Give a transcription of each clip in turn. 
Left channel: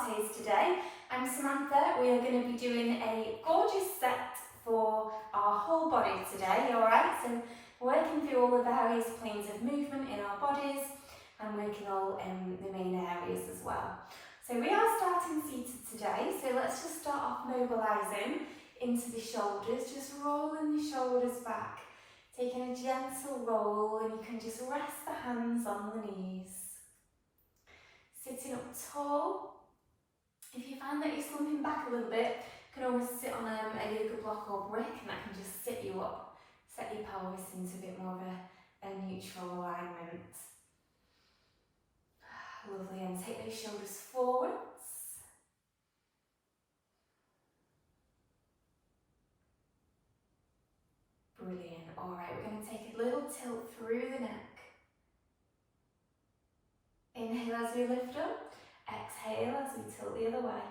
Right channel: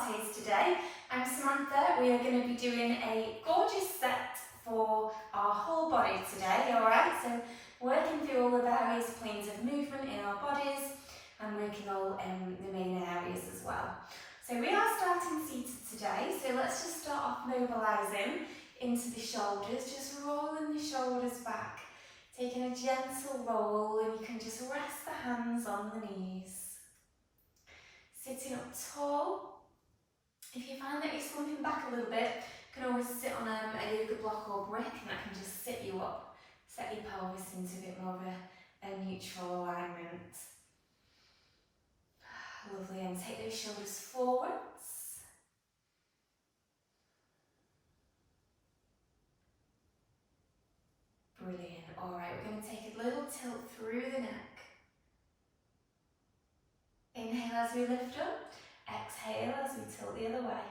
Pilates today. I'm Samantha. We are going to be doing a gorgeous set for our whole body today, alright? So working through all the various planes of movement in our bodies and working all the main areas as well. So we are starting seated today, so let's just start off mobilising into the shoulders, just rolling the shoulders back, taking a gentle roll, and you can just rest the hands on the knees. Sitting up tall. If you find that you're slumping back a little bit, you can always sit on a yoga block or brick and that can just sit you up, set your pelvis into a bit more of a neutral alignment. Lovely, and take those shoulders forwards. Brilliant. Alright, we're going to take a little tilt through the neck. Inhale as we lift up. Exhale as we tilt the other way.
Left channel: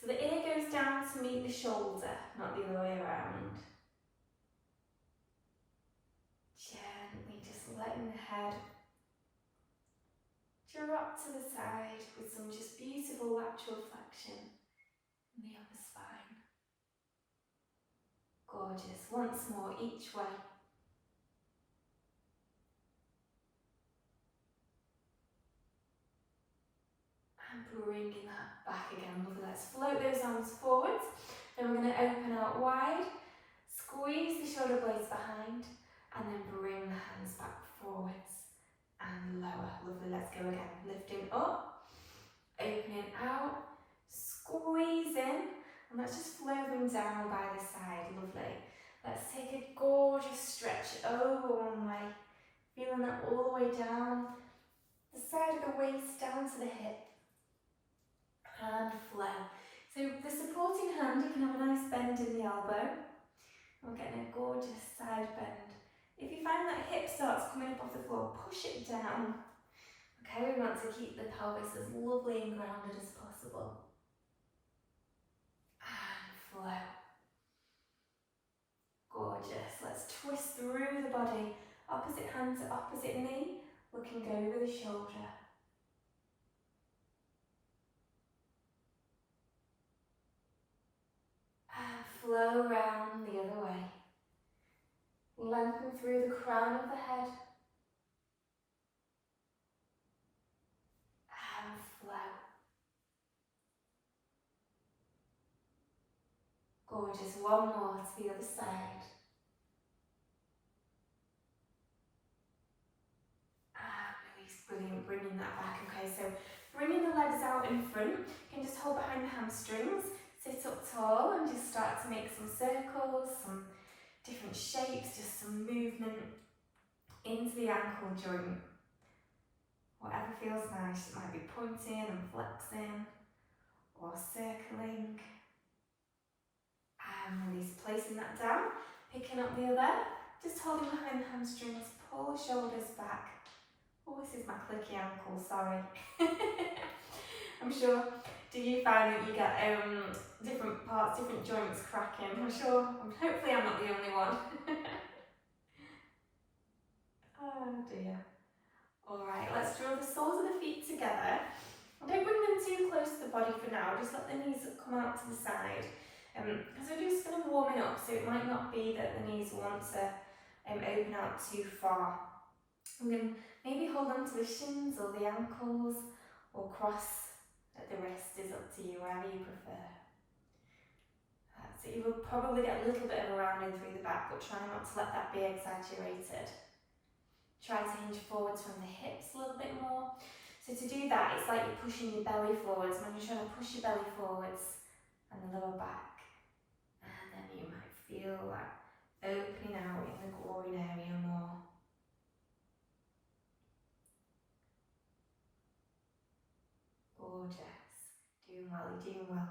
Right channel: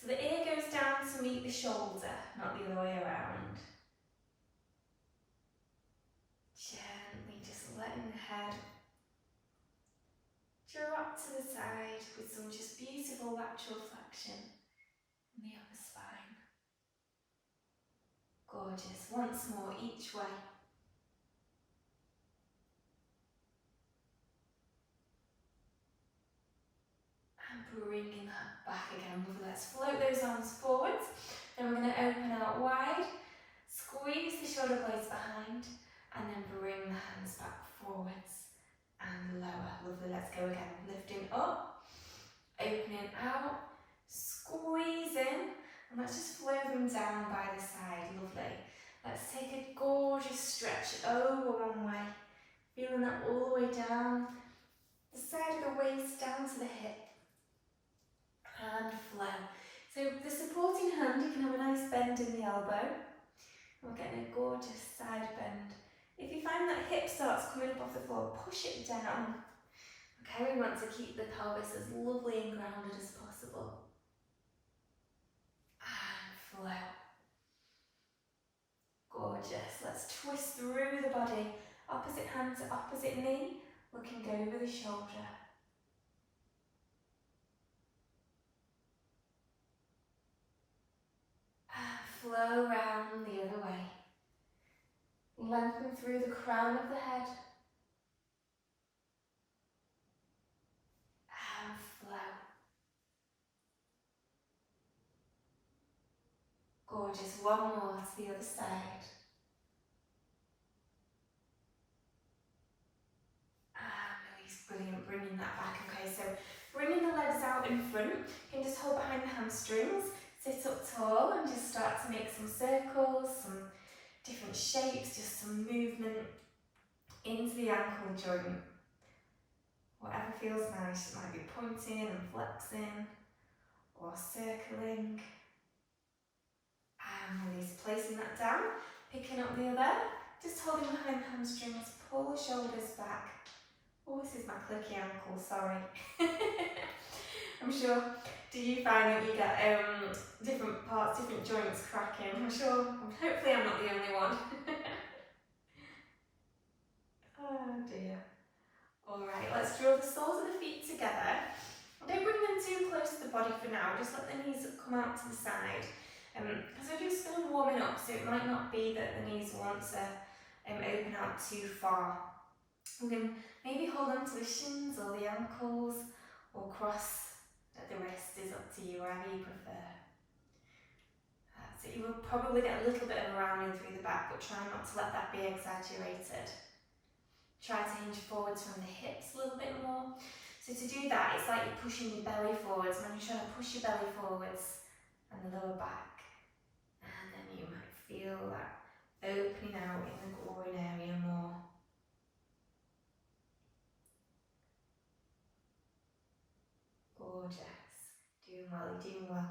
So the ear goes down to meet the shoulder, not the other way around. Gently just letting the head drop to the side with some just beautiful lateral flexion in the upper spine. Gorgeous. Once more each way. And bringing that back again. Lovely. Let's float those arms forwards. Then we're going to open out wide, squeeze the shoulder blades behind, and then bring the hands back forwards and lower. Lovely. Let's go again. Lifting up, opening out, squeezing, and let's just flow them down by the side. Lovely. Let's take a gorgeous stretch over one way, feeling that all the way down the side of the waist down to the hip. And flow. So the supporting hand, you can have a nice bend in the elbow. We're getting a gorgeous side bend. If you find that hip starts coming up off the floor, push it down. Okay, we want to keep the pelvis as lovely and grounded as possible. And flow. Gorgeous. Let's twist through the body. Opposite hand to opposite knee, looking over the shoulder. Flow round the other way. Lengthen through the crown of the head. And flow. Gorgeous. One more to the other side. And release. Brilliant. Bringing that back. Okay, so bringing the legs out in front. You can just hold behind the hamstrings. Sit up tall and just start to make some circles, some different shapes, just some movement into the ankle joint. Whatever feels nice. It might be pointing and flexing or circling. And release, placing that down, picking up the other, just holding behind the hamstrings, pull the shoulders back. Oh, this is my clicky ankle, sorry. I'm sure, do you find that you get different parts, different joints cracking? I'm sure, hopefully I'm not the only one. Oh dear. Alright, let's draw the soles of the feet together. Don't bring them too close to the body for now, just let the knees come out to the side. Because we're just kind of warming up, so it might not be that the knees want to open out too far. We can maybe hold on to the shins or the ankles, or cross at the wrist, is up to you, wherever you prefer. So you will probably get a little bit of a rounding through the back, but try not to let that be exaggerated. Try to hinge forwards from the hips a little bit more. So to do that, it's like you're pushing your belly forwards. When you're trying to push your belly forwards and the lower back, and then you might feel that opening out in the groin area more. Gorgeous. Doing well, you're doing well.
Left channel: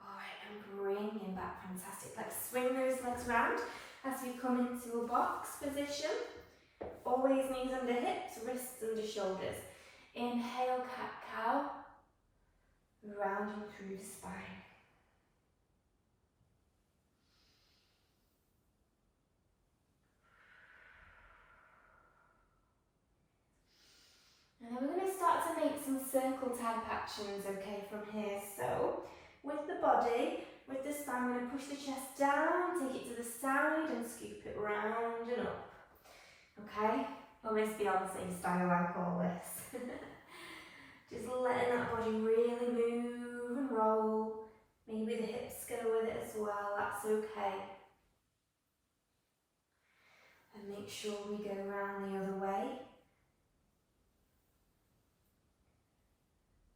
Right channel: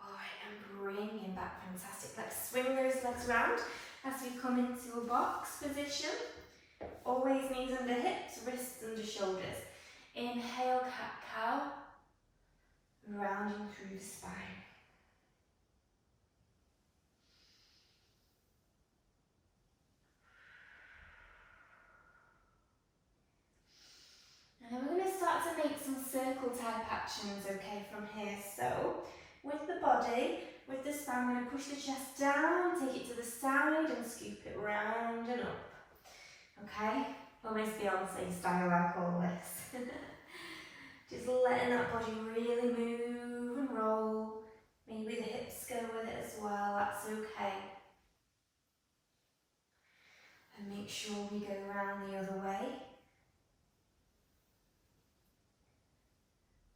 Alright, and bringing back, fantastic. Let's swing those legs round as we come into a box position. Always knees under hips, wrists under shoulders. Inhale, cat-cow. Rounding through the spine. And then we're going to start start to make some circle type actions, okay, from here. So, with the body, with the spine, we're going to push the chest down, take it to the side and scoop it round and up. Okay? Almost Beyonce style, I call this. Just letting that body really move and roll. Maybe the hips go with it as well, that's okay. And make sure we go around the other way.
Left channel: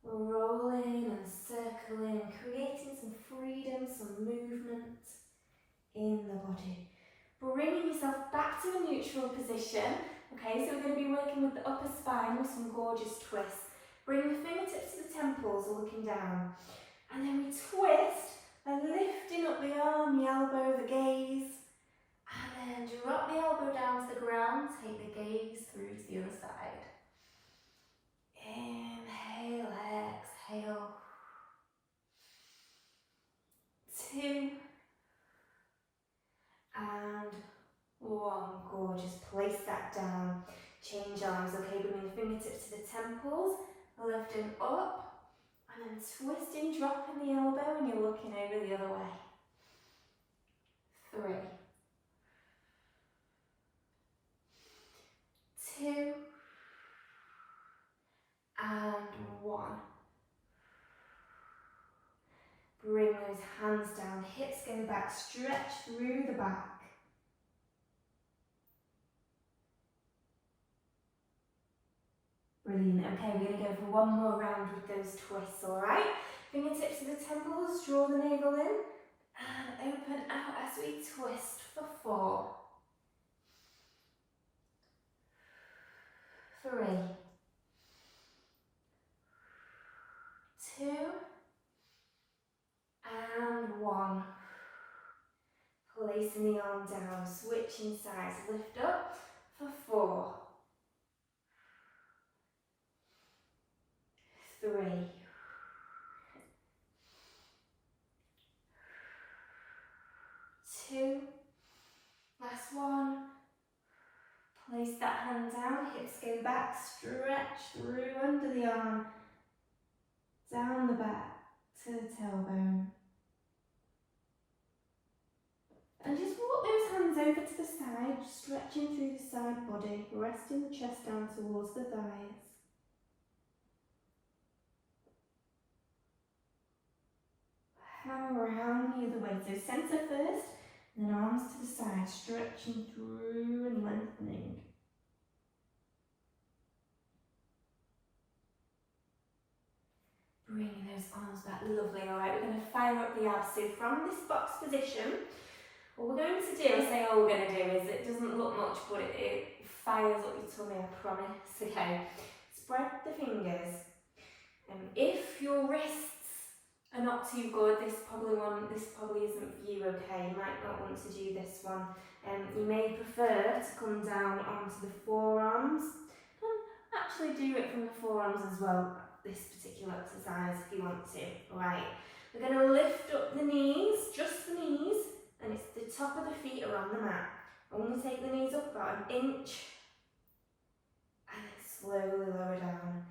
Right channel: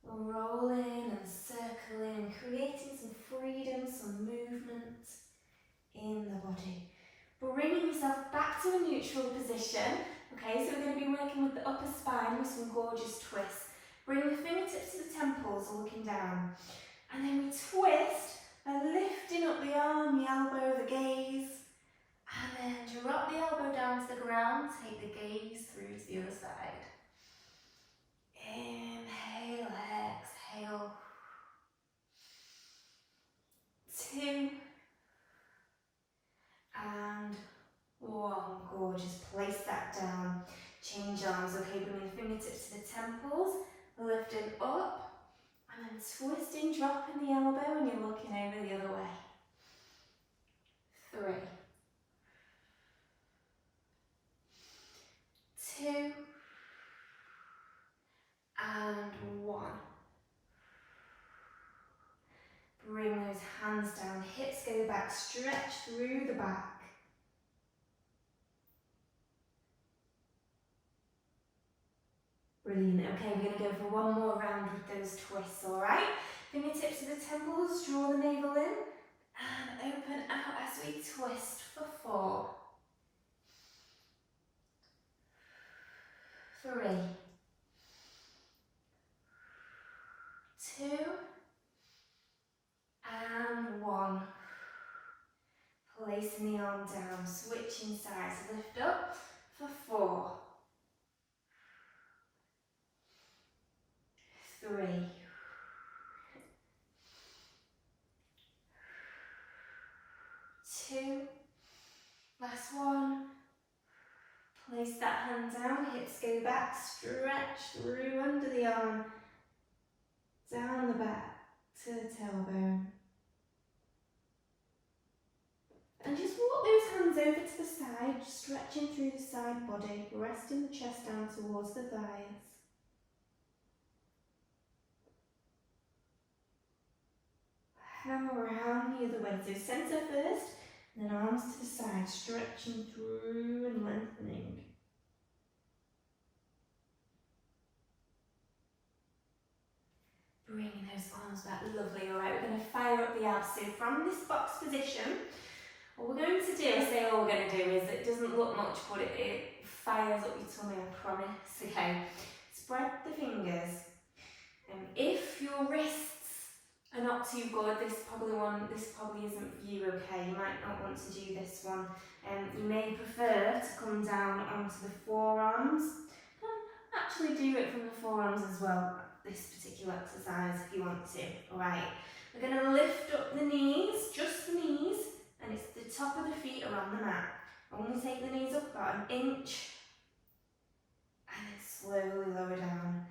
We're rolling and circling, creating some freedom, some movement in the body. Bringing yourself back to a neutral position. Okay, so we're going to be working with the upper spine with some gorgeous twists. Bring the fingertips to the temples, looking down. And then we twist by lifting up the arm, the elbow, the gaze. And then drop the elbow down to the ground, take the gaze through to the other side. Inhale, exhale. 2 and 1. Gorgeous. Place that down. Change arms. Okay, bring the fingertips to the temples, lifting up, and then twisting, dropping the elbow, and you're looking over the other way. 3, 2 and 1. Bring those hands down, hips go back, stretch through the back. Brilliant. Okay, we're going to go for one more round with those twists, alright? Fingertips to the temples, draw the navel in, and open out as we twist for 4, 3, 2 and 1. Placing the arm down, switching sides, lift up for 4, 3, 2, last one. Place that hand down, hips go back, stretch through under the arm, down the back to the tailbone. And just walk those hands over to the side, stretching through the side body, resting the chest down towards the thighs. Power around the other way, so centre first, and then arms to the side, stretching through and lengthening. Bringing those arms back, lovely. Alright, we're going to fire up the abs. So from this box position, what we're going to do, I say all we're going to do is, it doesn't look much, but it fires up your tummy, I promise. Okay, spread the fingers. If your wrists are not too good, this probably isn't for you, okay? You might not want to do this one. You may prefer to come down onto the forearms. Actually do it from the forearms as well, this particular exercise, if you want to. Alright, we're going to lift up the knees, just the knees, and it's the top of the feet are on the mat. Only take the knees up about an inch, and then slowly lower down.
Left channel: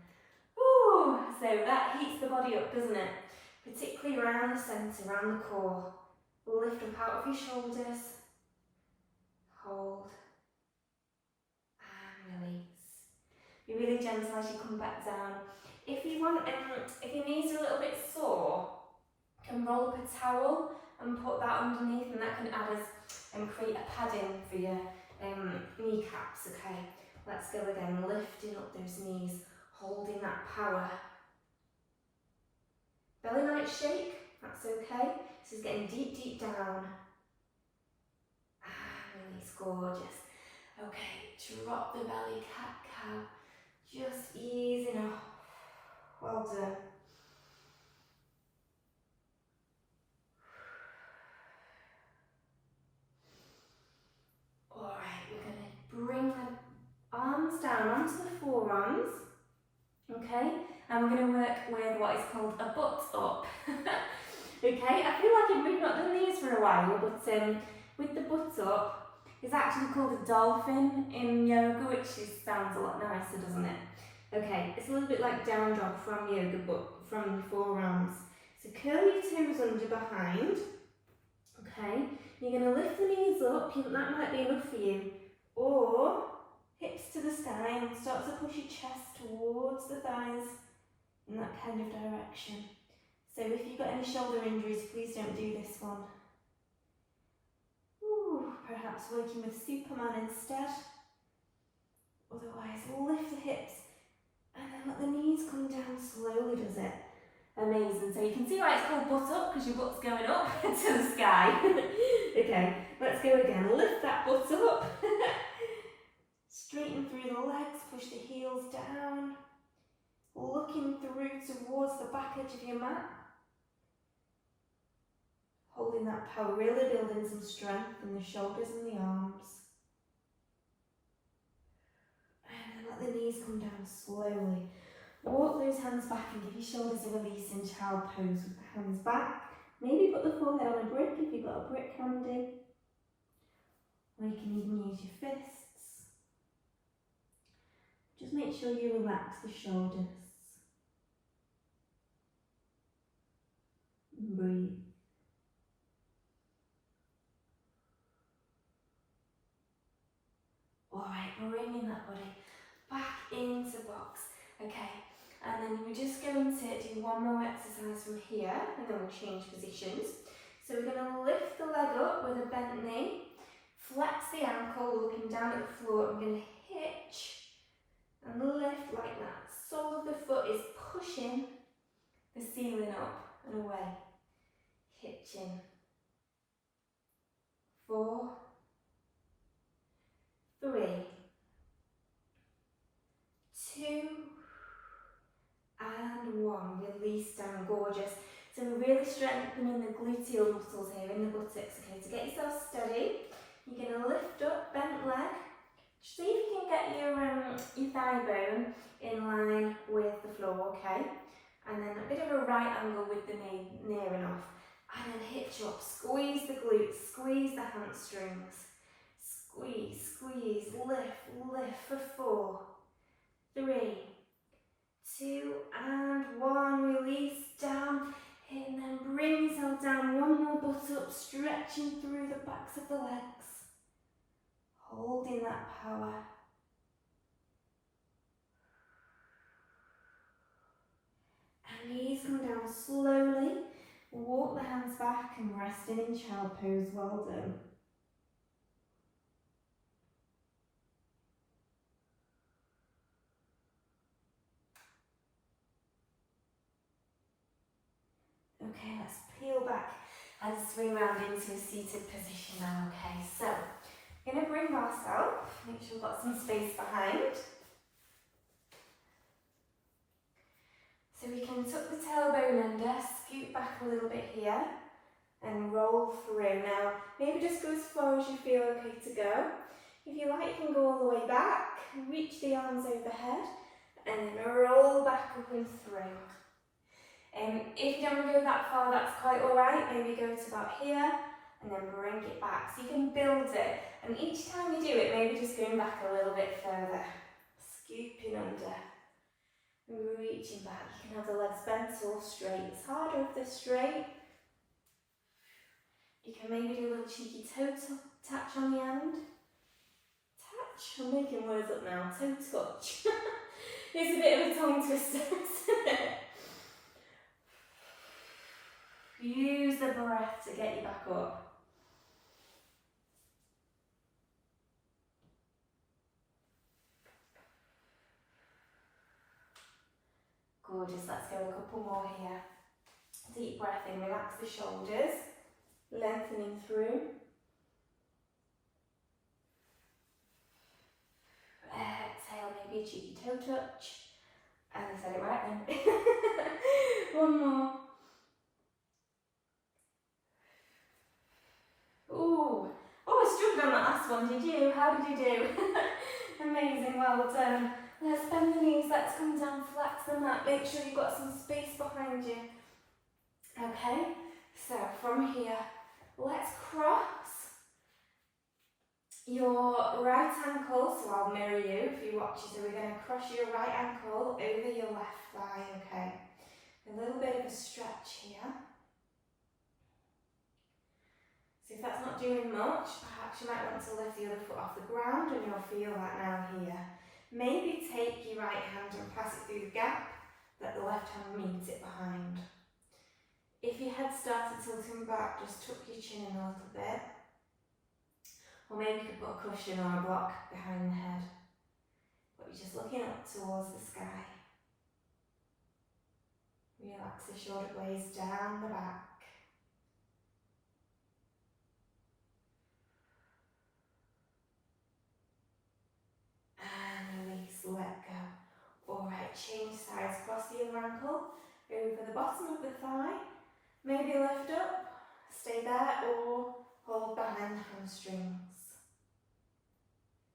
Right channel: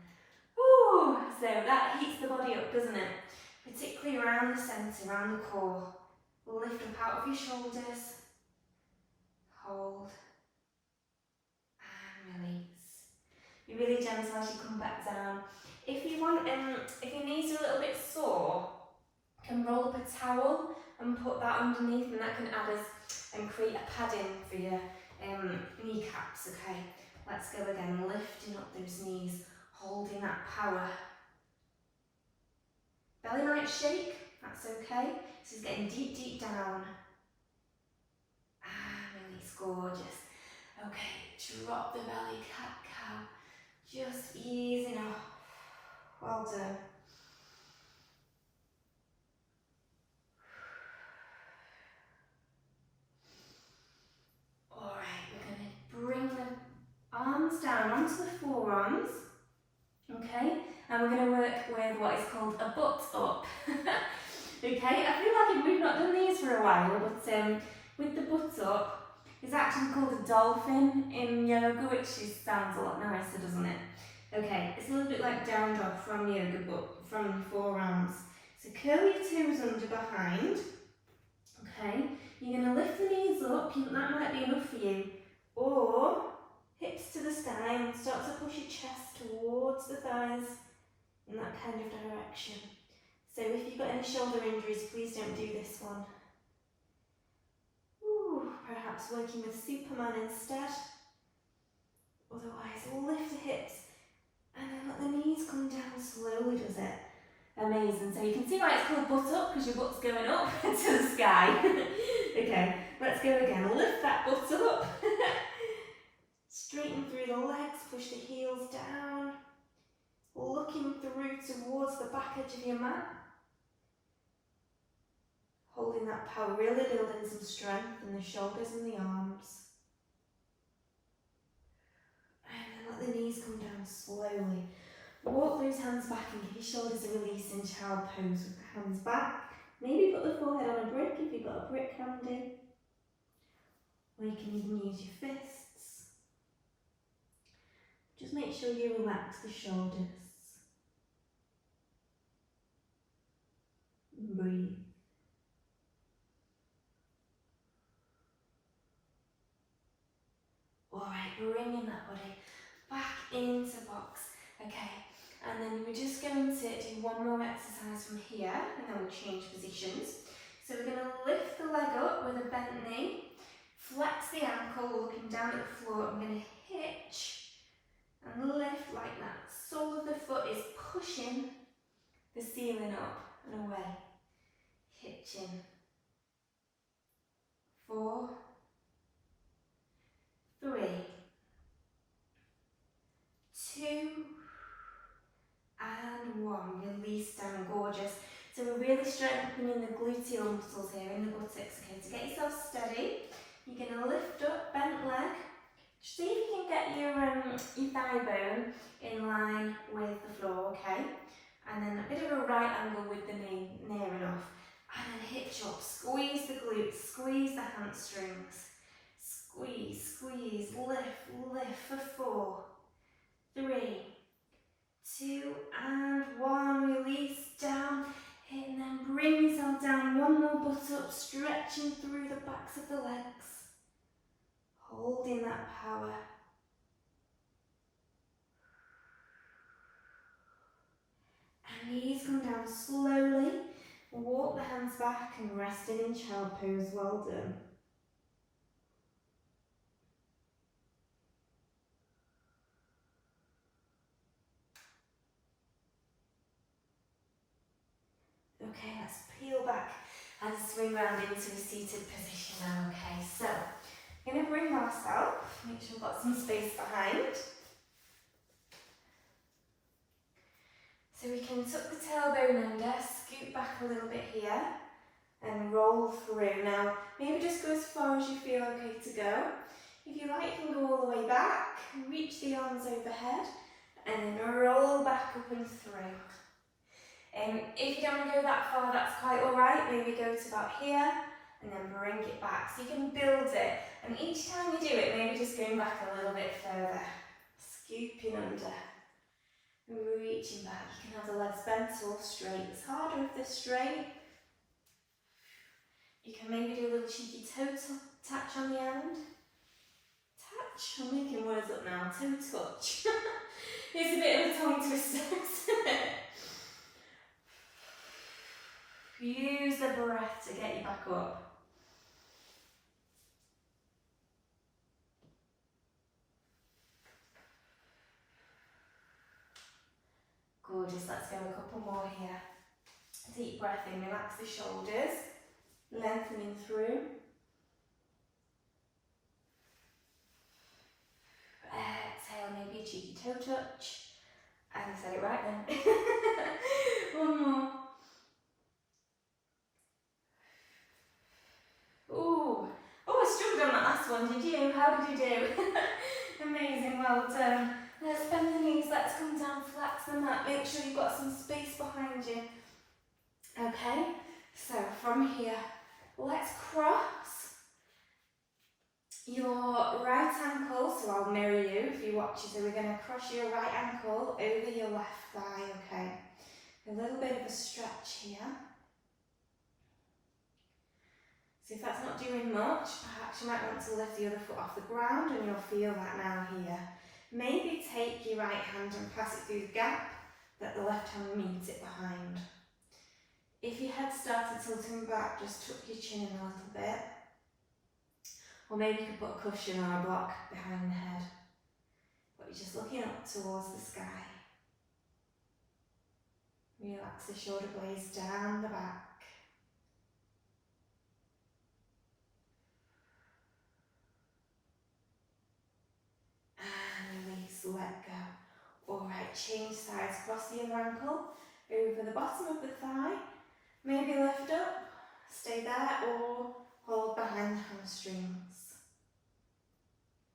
Ooh, so that heats the body up, doesn't it? Particularly around the centre, around the core. Lift up out of your shoulders, hold, and release. Be really gentle as you come back down. If you want, if your knees are a little bit sore, you can roll up a towel and put that underneath, and that can add as and create a padding for your kneecaps. Okay, let's go again. Lifting up those knees, holding that power. Belly might shake, that's okay. This is getting deep, deep down. And release, gorgeous. Okay, drop the belly, cat-cow. Just easing off. Well done. Alright, we're going to bring the arms down onto the forearms. Okay, and we're going to work with what is called a butt up. Okay, I feel like we've not done these for a while, but with the butt up, it's actually called a dolphin in yoga, which sounds a lot nicer, doesn't it? Okay, it's a little bit like down dog from yoga, but from your forearms. So curl your toes under behind. Okay, you're going to lift the knees up, that might be enough for you. Or hips to the sky and start to push your chest towards the thighs in that kind of direction. So if you've got any shoulder injuries, please don't do this one. Ooh, perhaps working with Superman instead. Otherwise, lift the hips and then let the knees come down slowly, does it? Amazing. So you can see why it's called butt up, because your butt's going up to the sky. Okay, let's go again. Lift that butt up. Straighten through the legs, push the heels down. Looking through towards the back edge of your mat. Holding that power, really building some strength in the shoulders and the arms. And then let the knees come down slowly. Walk those hands back and give your shoulders a release in child pose with the hands back. Maybe put the forehead on a brick if you've got a brick handy. Or you can even use your fists. Just make sure you relax the shoulders. And breathe. Alright, bringing that body back into box. Okay, and then we're just going to do one more exercise from here, and then we'll change positions. So we're going to lift the leg up with a bent knee, flex the ankle, looking down at the floor. I'm going to hitch and lift like that. Sole of the foot is pushing the ceiling up and away. Hitching. 4, 3, 2, and 1. Release down, gorgeous. So we're really strengthening the gluteal muscles here in the buttocks. Okay, to get yourself steady, you're going to lift up, bent leg. See if you can get your thigh bone in line with the floor, okay? And then a bit of a right angle with the knee near enough. And then hitch up, squeeze the glutes, squeeze the hamstrings. Squeeze, squeeze, lift, lift for 4, 3, 2, and 1. Release down, and then bring yourself down. One more butt up, stretching through the backs of the legs. Holding that power. And knees come down slowly. Walk the hands back and resting in child pose. Well done. Okay, let's peel back and swing round into a seated position now. Okay, so I'm going to bring ourselves, make sure we've got some space behind. So we can tuck the tailbone under, scoot back a little bit here and roll through. Now, maybe just go as far as you feel okay to go. If you like, you can go all the way back, reach the arms overhead and then roll back up and through. If you don't want to go that far, that's quite alright. Maybe go to about here and then bring it back. So you can build it. And each time you do it, maybe just going back a little bit further. Scooping under. Reaching back. You can have the legs bent or straight. It's harder if they're straight. You can maybe do a little cheeky toe touch on the end. Touch. I'm making words up now. Toe touch. It's a bit of a tongue twister, isn't it? Use the breath to get you back up. Gorgeous, let's go a couple more here. Deep breath in, relax the shoulders, lengthening through. Exhale, maybe a cheeky toe touch. And I said it right then. One more. Ooh. Oh, I struggled on that last one, did you? How did you do? Amazing, well done. Let's bend the knees, let's come down, flex the mat, make sure you've got some space behind you. Okay, so from here, let's cross your right ankle, so I'll mirror you if you watch it. So we're going to cross your right ankle over your left thigh, okay? A little bit of a stretch here. So if that's not doing much, perhaps you might want to lift the other foot off the ground, and you'll feel that now here. Maybe take your right hand and pass it through the gap that the left hand meets it behind. If your head started tilting back, just tuck your chin in a little bit. Or maybe you could put a cushion or a block behind the head. But you're just looking up towards the sky. Relax the shoulder blades down the back. And release, let go. Alright, change sides, cross the other ankle over the bottom of the thigh. Maybe lift up, stay there, or hold behind the hamstrings.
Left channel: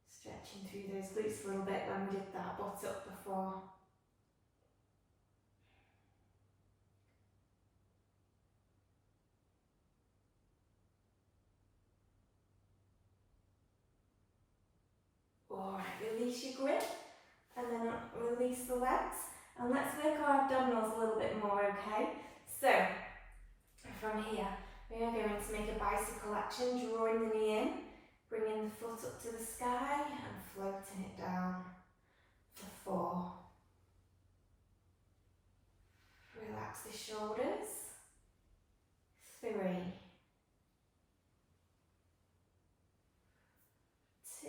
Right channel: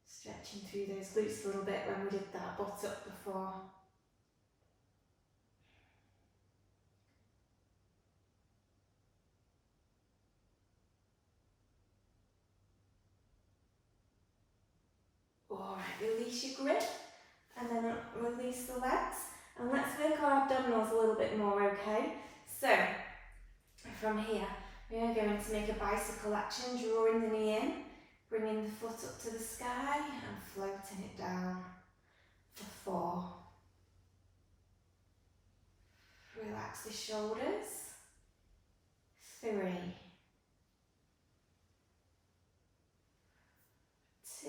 Stretching through those glutes a little bit when we did that butt up before. Alright, release your grip and then release the legs. And let's work our abdominals a little bit more, okay? So, from here, we are going to make a bicycle action, drawing the knee in, bringing the foot up to the sky and floating it down for 4. Relax the shoulders. 3, 2,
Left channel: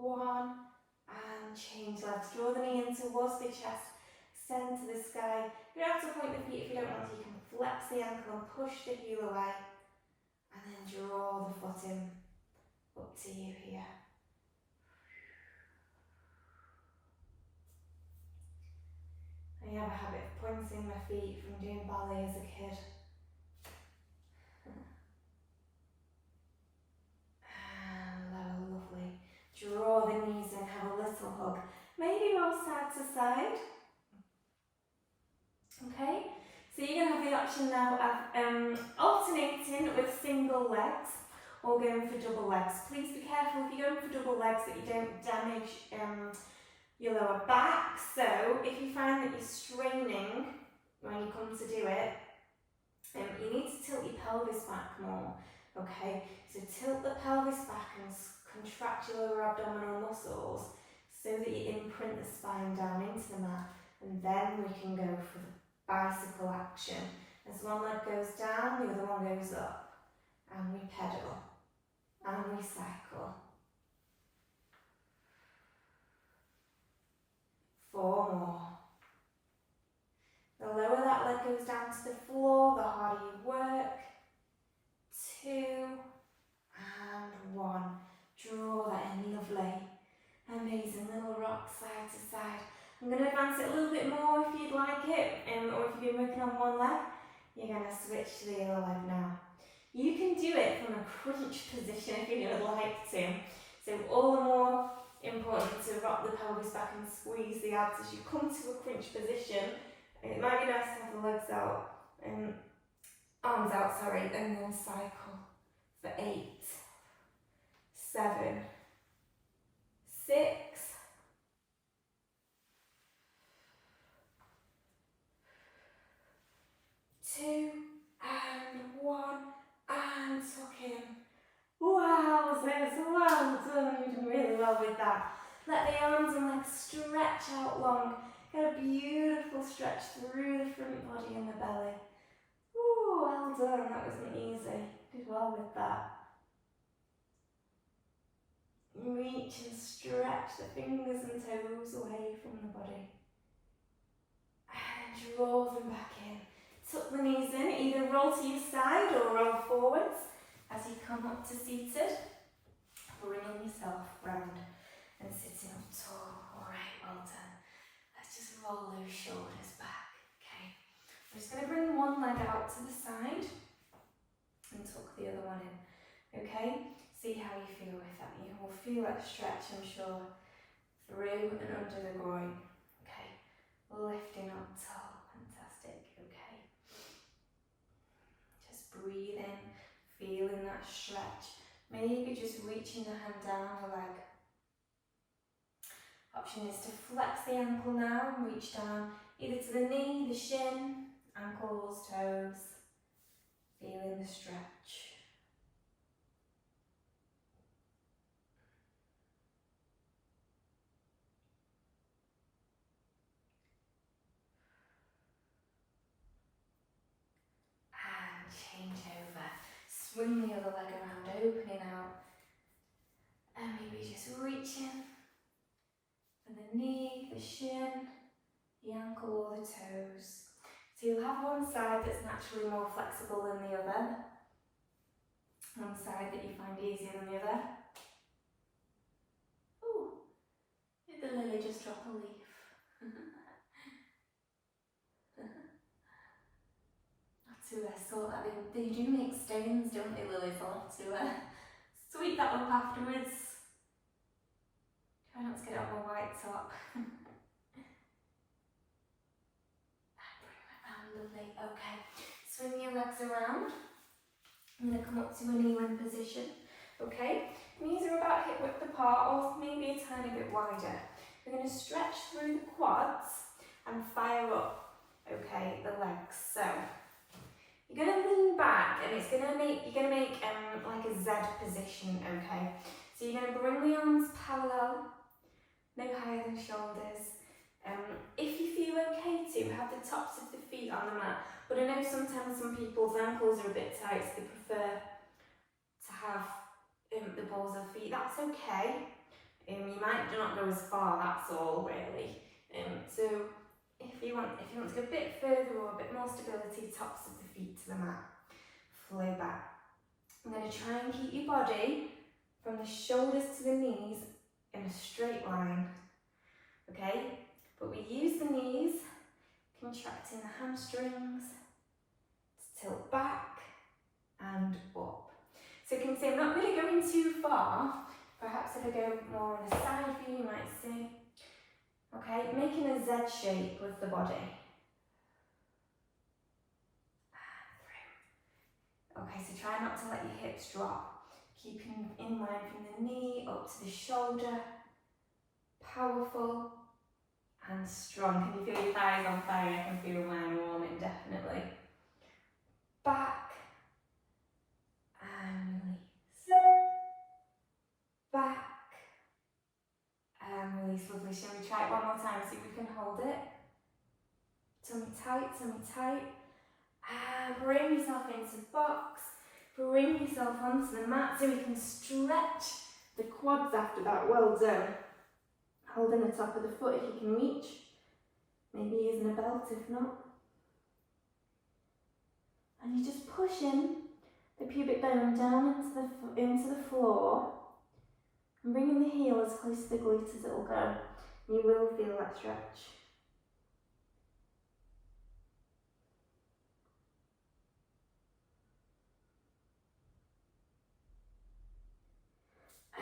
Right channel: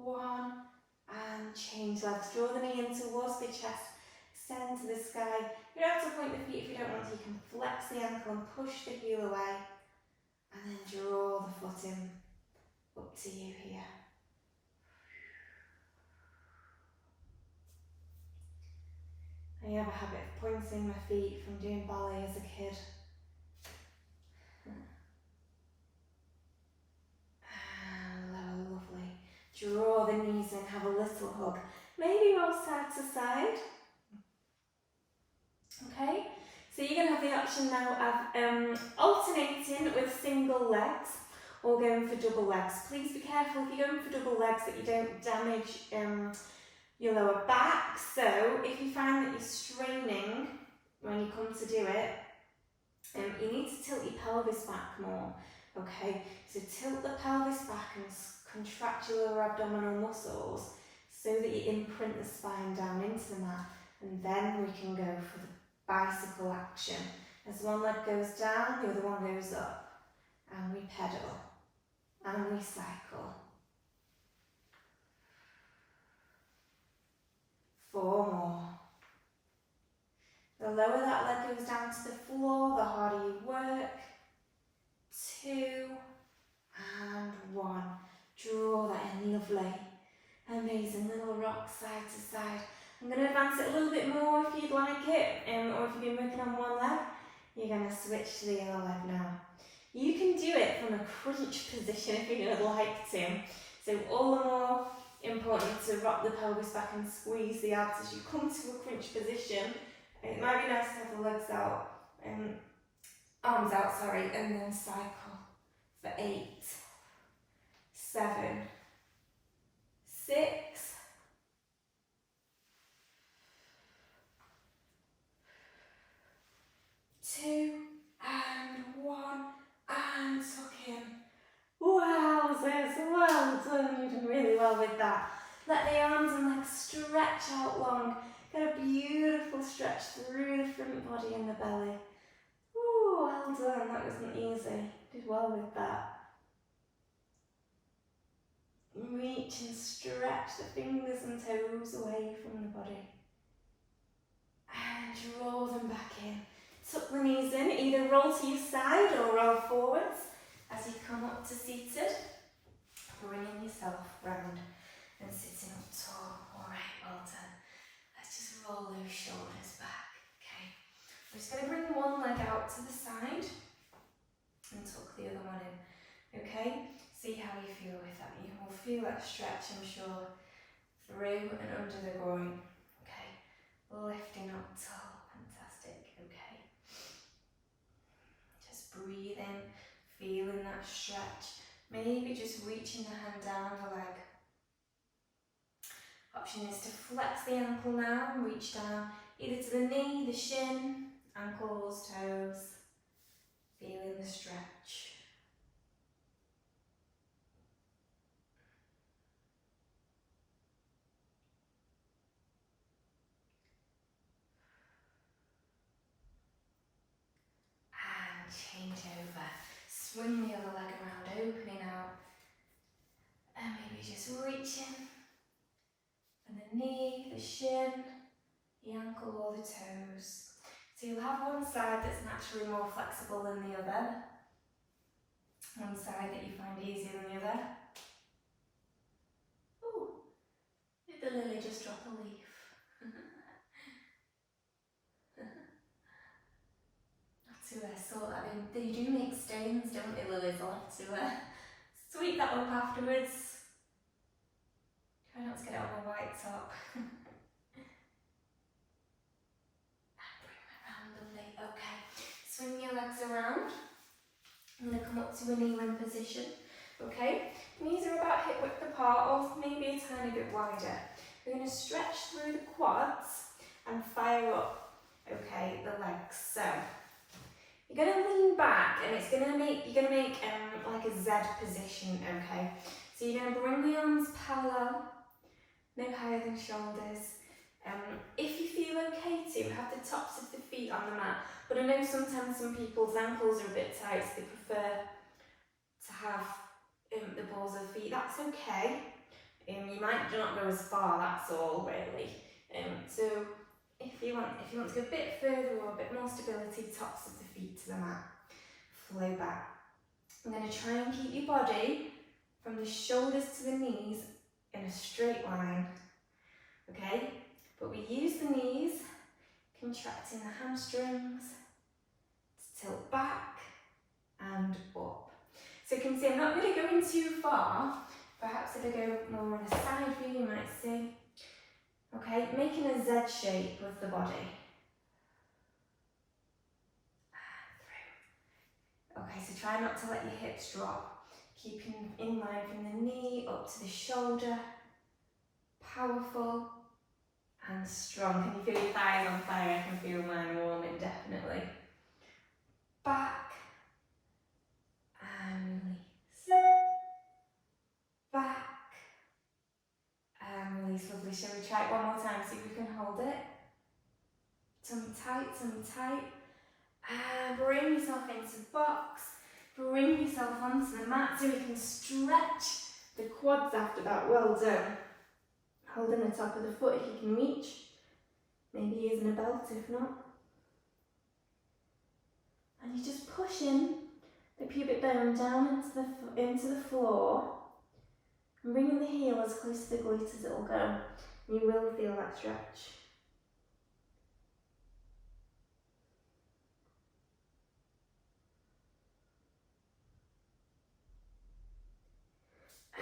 1, and change legs. Draw the knee in towards the chest, extend to the sky. You don't have to point the feet if you don't want to. You can flex the ankle and push the heel away, and then draw the foot in. Up to you here. I have a habit of pointing my feet from doing ballet as a kid. And lovely. Draw the knees in, have a little hug. Maybe roll side to side. Okay, so you're going to have the option now of alternating with single legs or going for double legs. Please be careful if you're going for double legs that you don't damage your lower back. So if you find that you're straining when you come to do it, you need to tilt your pelvis back more. Okay, so tilt the pelvis back and contract your lower abdominal muscles so that you imprint the spine down into the mat, and then we can go for the bicycle action. As one leg goes down, the other one goes up, and we pedal and we cycle. 4 more. The lower that leg goes down to the floor, the harder you work. 2 and 1. Draw that in, lovely. Amazing, little rock side to side. I'm going to advance it a little bit more if you'd like it, or if you've been working on one leg, you're going to switch to the other leg now. You can do it from a crunch position if you would like to. So all the more important to rock the pelvis back and squeeze the abs as you come to a crunch position. It might be nice to have the legs out, arms out, sorry, and then cycle for 8, 7, 6, 2 and 1 and tuck in. Wow, sis, well done. You're doing really well with that. Let the arms and legs stretch out long. Get a beautiful stretch through the front body and the belly. Ooh, well done. That wasn't easy. Did well with that. Reach and stretch the fingers and toes away from the body. And draw them back in. Tuck the knees in, either roll to your side or roll forwards as you come up to seated. Bringing yourself round and sitting up tall. Alright, well done. Let's just roll those shoulders back. Okay. We're just going to bring one leg out to the side and tuck the other one in. Okay? See how you feel with that. You will feel that stretch, I'm sure, through and under the groin. Okay. Lifting up tall. Fantastic. Okay. Just breathe in. Feeling that stretch. Maybe just reaching the hand down the leg. Option is to flex the ankle now and reach down either to the knee, the shin, ankles, toes. Feeling the stretch. And change over. Swing the other leg around, opening out. And maybe just reaching for the knee, the shin, the ankle or the toes. So you'll have one side that's naturally more flexible than the other. One side that you find easier than the other. Ooh, did the lily just drop a leaf? To sort that in. They do make stains, don't they, lilies? I'll have to sweep that up afterwards. Try not to get it on my white top. And bring that round, lovely. Okay, swing your legs around. I'm going to come up to a knee-in position. Okay, knees are about hip width apart or maybe a tiny bit wider. We're going to stretch through the quads and fire up, okay, the legs. So you're going to lean back and it's going to make, you're going to make like a Z position, okay? So you're going to bring the arms parallel, no higher than shoulders. If you feel okay to, have the tops of the feet on the mat. But I know sometimes some people's ankles are a bit tight, so they prefer to have the balls of feet. That's okay. You might not go as far, that's all really. So if you want to go a bit further or a bit more stability, tops of the feet to the mat. Flow back. I'm going to try and keep your body from the shoulders to the knees in a straight line. Okay? But we use the knees, contracting the hamstrings to tilt back and up. So you can see I'm not really going too far. Perhaps if I go more in a side view, you might see. Okay, making a Z shape with the body. And through. Okay, so try not to let your hips drop. Keeping in line from the knee up to the shoulder. Powerful and strong. Can you feel your thighs on fire? I can feel mine warming, definitely. Back and release. Back and release. Lovely. Shall we try it one more time? See if we can hold it. Tummy tight, tummy tight. And bring yourself into box. Bring yourself onto the mat so you can stretch the quads after that. Well done. Holding the top of the foot if you can reach. Maybe using a belt if not. And you're just pushing the pubic bone down into the floor. And bringing the heel as close to the glute as it will go. You will feel that stretch.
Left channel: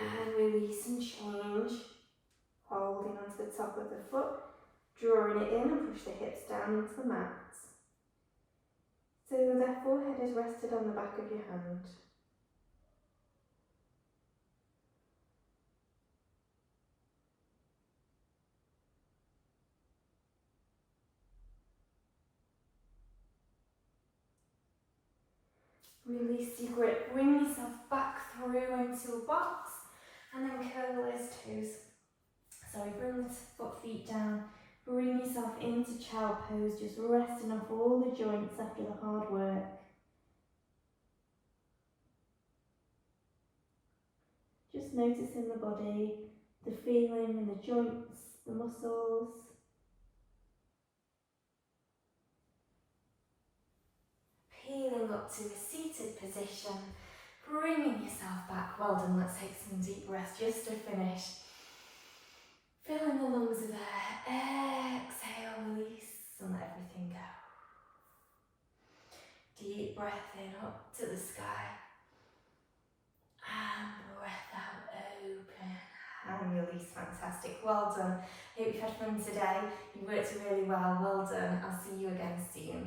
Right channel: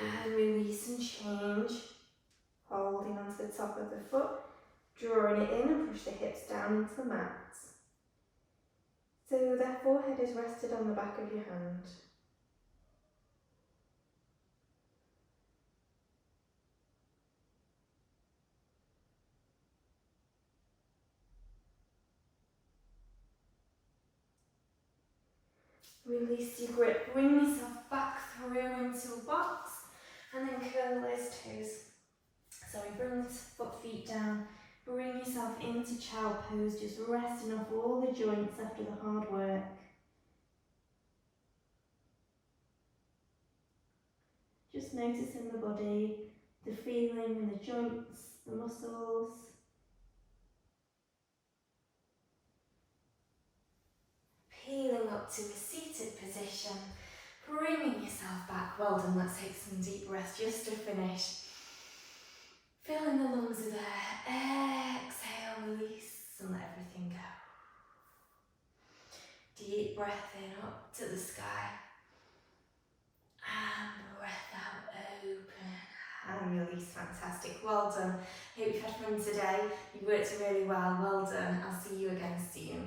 And release and change. Holding onto the top of the foot, drawing it in and push the hips down into the mat. So the forehead is rested on the back of your hand. Release your grip, bring yourself back through into a box and then curl those toes. Sorry, bring the feet down, bring yourself into child pose, just resting off all the joints after the hard work. Just noticing the body, the feeling in the joints, the muscles. Peeling up to a seated position, bringing yourself back. Well done, let's take some deep breaths just to finish. Filling the lungs with air, exhale, release and let everything go. Deep breath in up to the sky. And breath out, open and release. Fantastic, well done. I hope you've had fun today. You worked really well done. I'll see you again soon.